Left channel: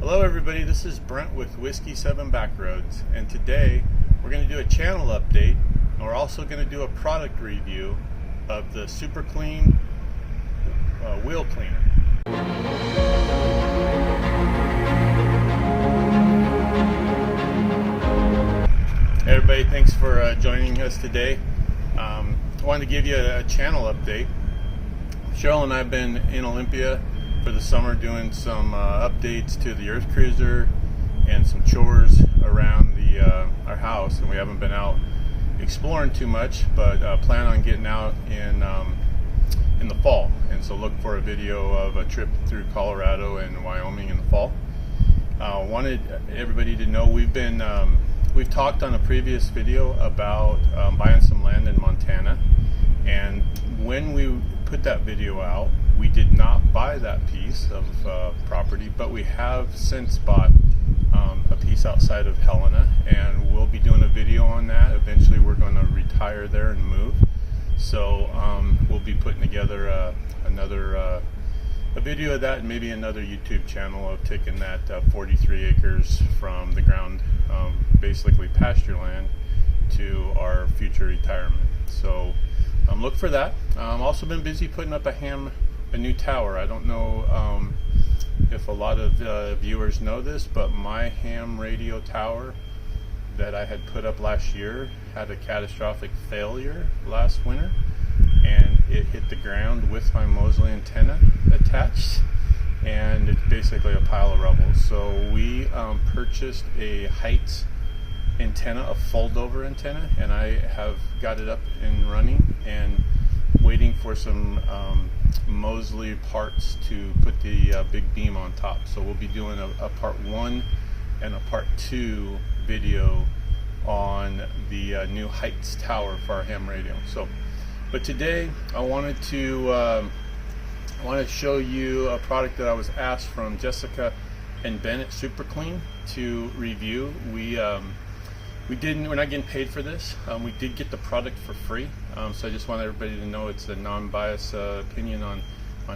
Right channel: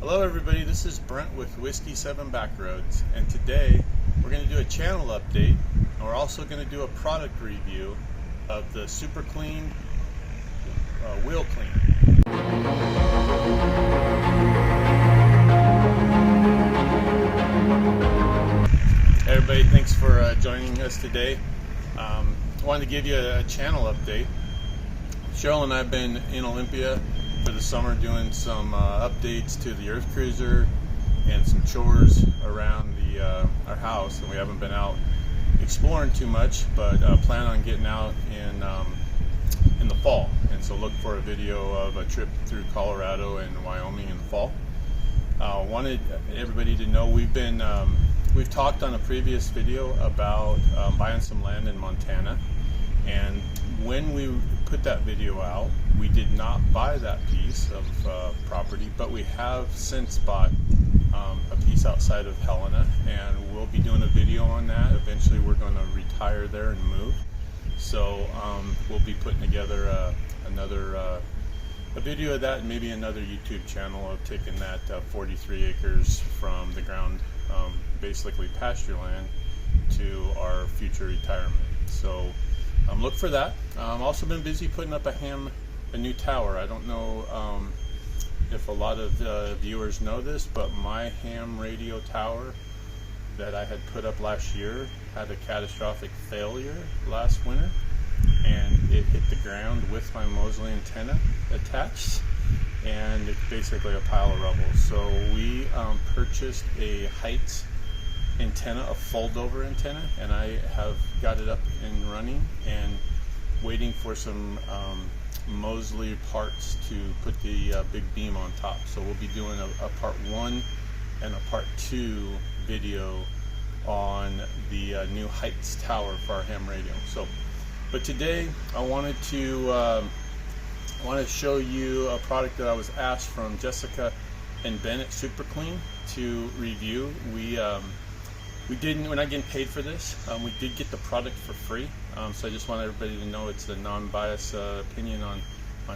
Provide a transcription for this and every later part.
Hello everybody, this is Brent with Whiskey 7 Backroads, and today we're going to do a channel update, and we're also going to do a product review of the Super Clean wheel cleaner. Hey everybody, thanks for joining us today. I wanted to give you a channel update. Cheryl and I have been in Olympia for the summer doing some updates to the EarthCruiser and some chores around our house, and we haven't been out exploring too much, but plan on getting out in the fall, and so look for a video of a trip through Colorado and Wyoming in the fall. Wanted everybody to know we've talked on a previous video about buying some land in Montana, and when we put that video out, we did not buy that piece of property, but we have since bought a piece outside of Helena, and we'll be doing a video on that. Eventually we're going to retire there and move, so we'll be putting together a video of that, and maybe another YouTube channel of taking that 43 acres from the ground, basically pasture land, to our future retirement. So look for that. I've also been busy putting up a new tower. I don't know if a lot of viewers know this, but my ham radio tower that I had put up last year had a catastrophic failure last winter, and it hit the ground with my Mosley antenna attached, and it's basically a pile of rubble. So we purchased a height antenna, a fold-over antenna, and I have got it up and running and waiting for some Mosley parts to put the big beam on top. So we'll be doing a part 1 and a part 2 video on the new Heights tower for our ham radio. So, but today I wanted to show you a product that I was asked from Jessica and Ben at Super Clean to review. We're not getting paid for this. We did get the product for free, so I just want everybody to know it's a non-biased opinion on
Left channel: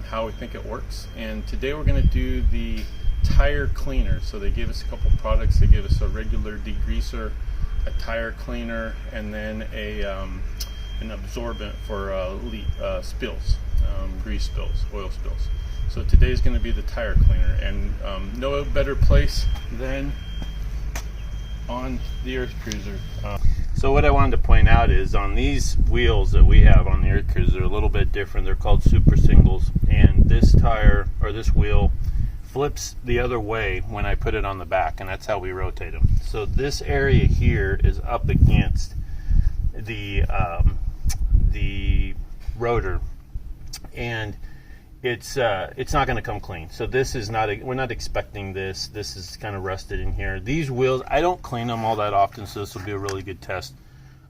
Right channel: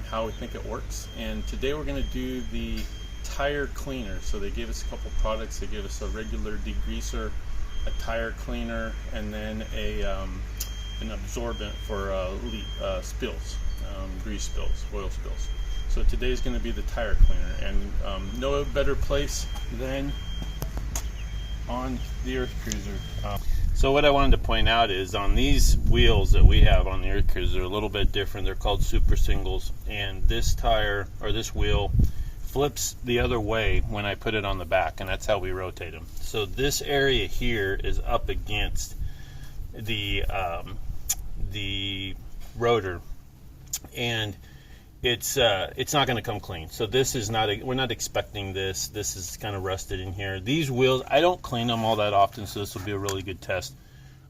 how we think it works. And today we're going to do the tire cleaner. So they gave us a couple products. They gave us a regular degreaser, a tire cleaner, and then an absorbent for spills, grease spills, oil spills. So today is going to be the tire cleaner, and no better place than on the EarthCruiser. So what I wanted to point out is on these wheels that we have on the EarthCruiser, they're a little bit different. They're called super singles, and this tire, or this wheel, flips the other way when I put it on the back, and that's how we rotate them. So this area here is up against the rotor, and it's not going to come clean. So this is not we're not expecting this. This is kind of rusted in here. These wheels, I don't clean them all that often, so this will be a really good test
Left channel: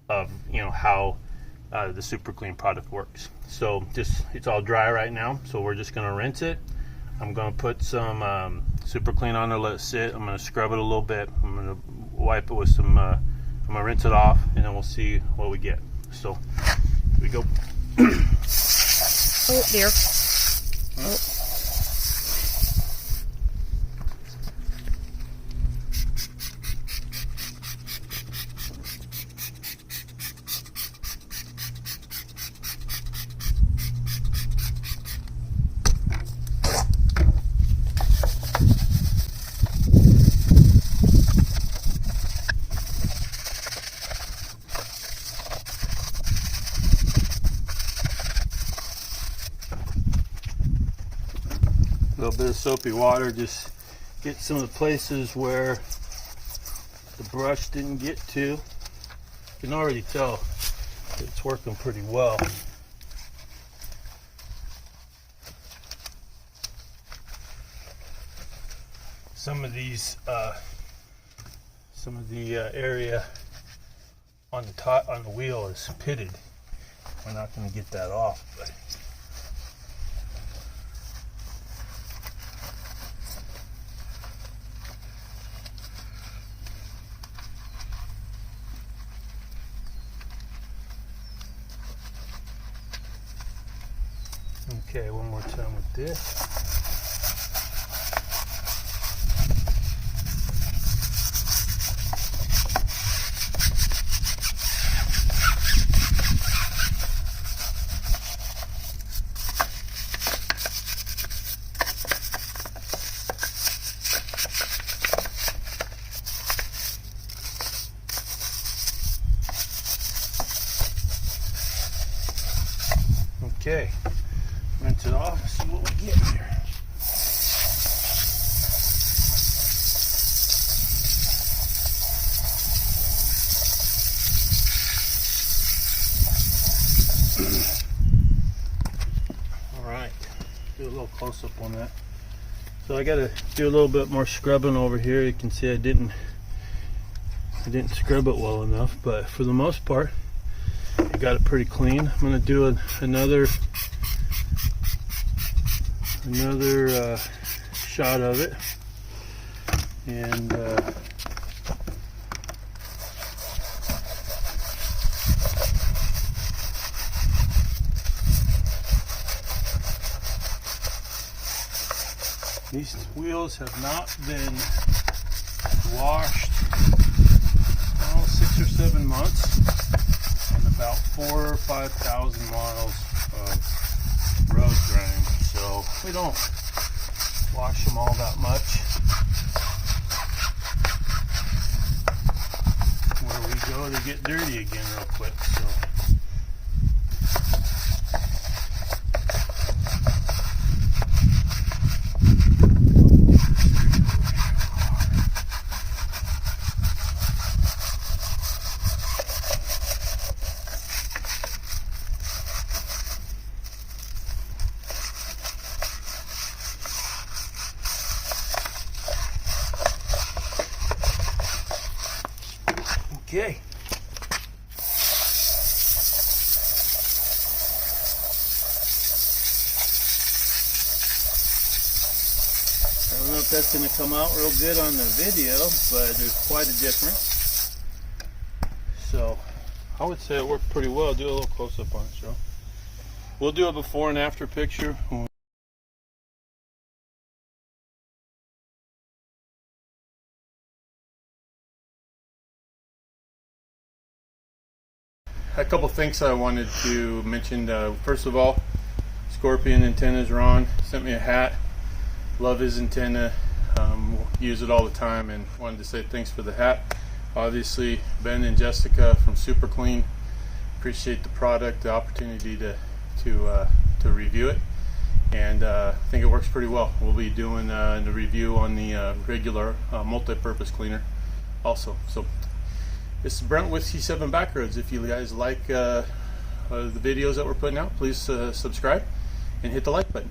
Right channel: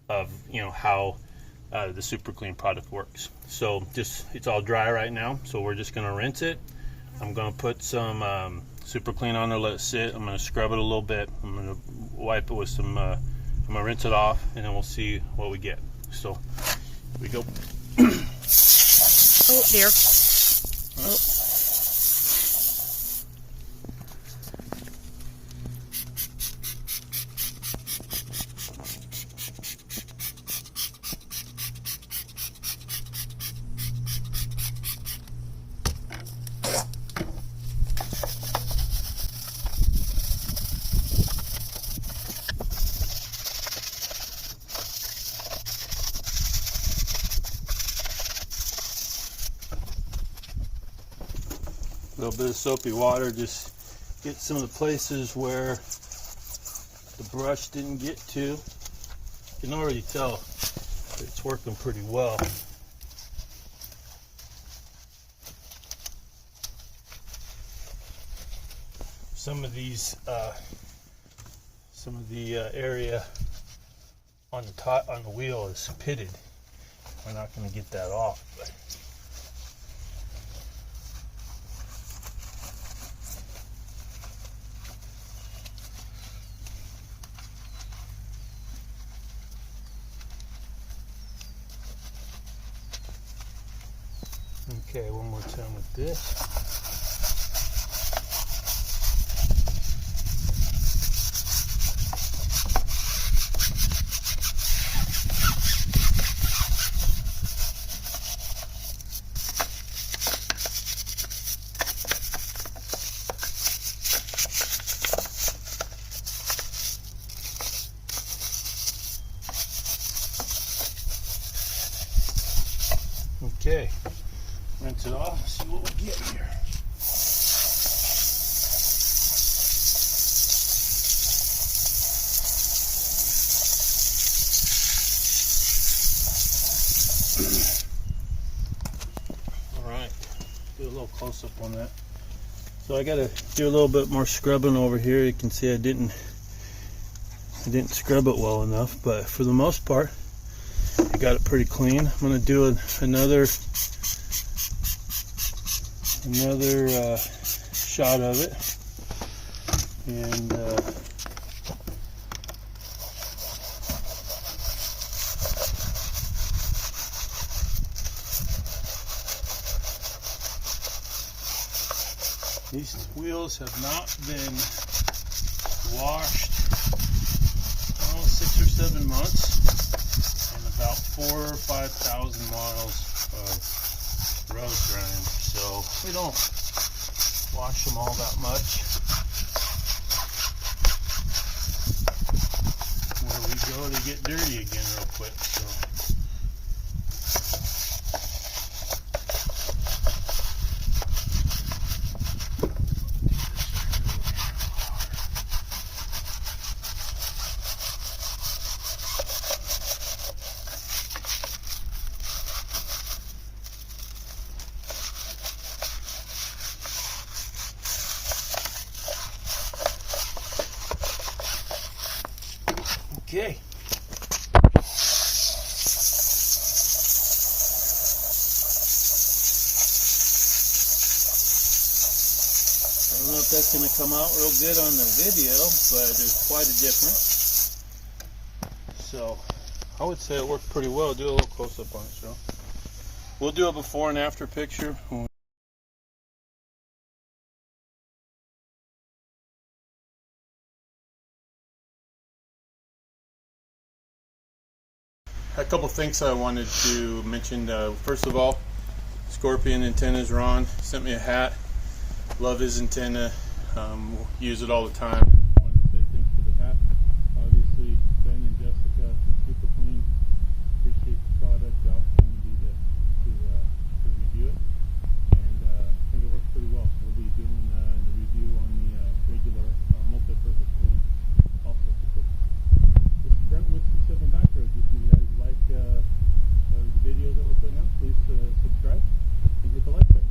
of how the Super Clean product works. So it's all dry right now, so we're just going to rinse it. I'm going to put some Super Clean on there, let it sit. I'm going to scrub it a little bit. I'm going to wipe it with some I'm going to rinse it off, and then we'll see what we get. So here we go. Oh dear. Oh. A little bit of soapy water, just get some of the places where the brush didn't get to. You can already tell it's working pretty well. Some of these, area on the wheel is pitted. We're not going to get that off, but Okay, one more time with this. close up on that. So I got to do a little bit more scrubbing over here. You can see I didn't scrub it well enough, but for the most part, I got it pretty clean. I'm going to do another shot of it, and these wheels have not been washed 6 or 7 months and about 4,000 or 5,000 miles of road grind. So we don't wash them all that much. Where we go to get dirty again real quick. So. Okay. I don't know if that's going to come out real good on the video, but there's quite a difference. So I would say it worked pretty well. Do a little close up on it, Joe. We'll do a before and after picture. A couple things I wanted to mention. First of all, Scorpion Antennas Ron sent me a hat. Love his antenna. Use it all the time, and wanted to say thanks for the hat. Obviously, Ben and Jessica from Super Clean, appreciate the product, the opportunity to review it, and I think it works pretty well. We'll be doing the review on the regular multi-purpose cleaner also. So. This is Brent with C7 Backroads. If you guys like the videos that we're putting out, please subscribe and hit the like button.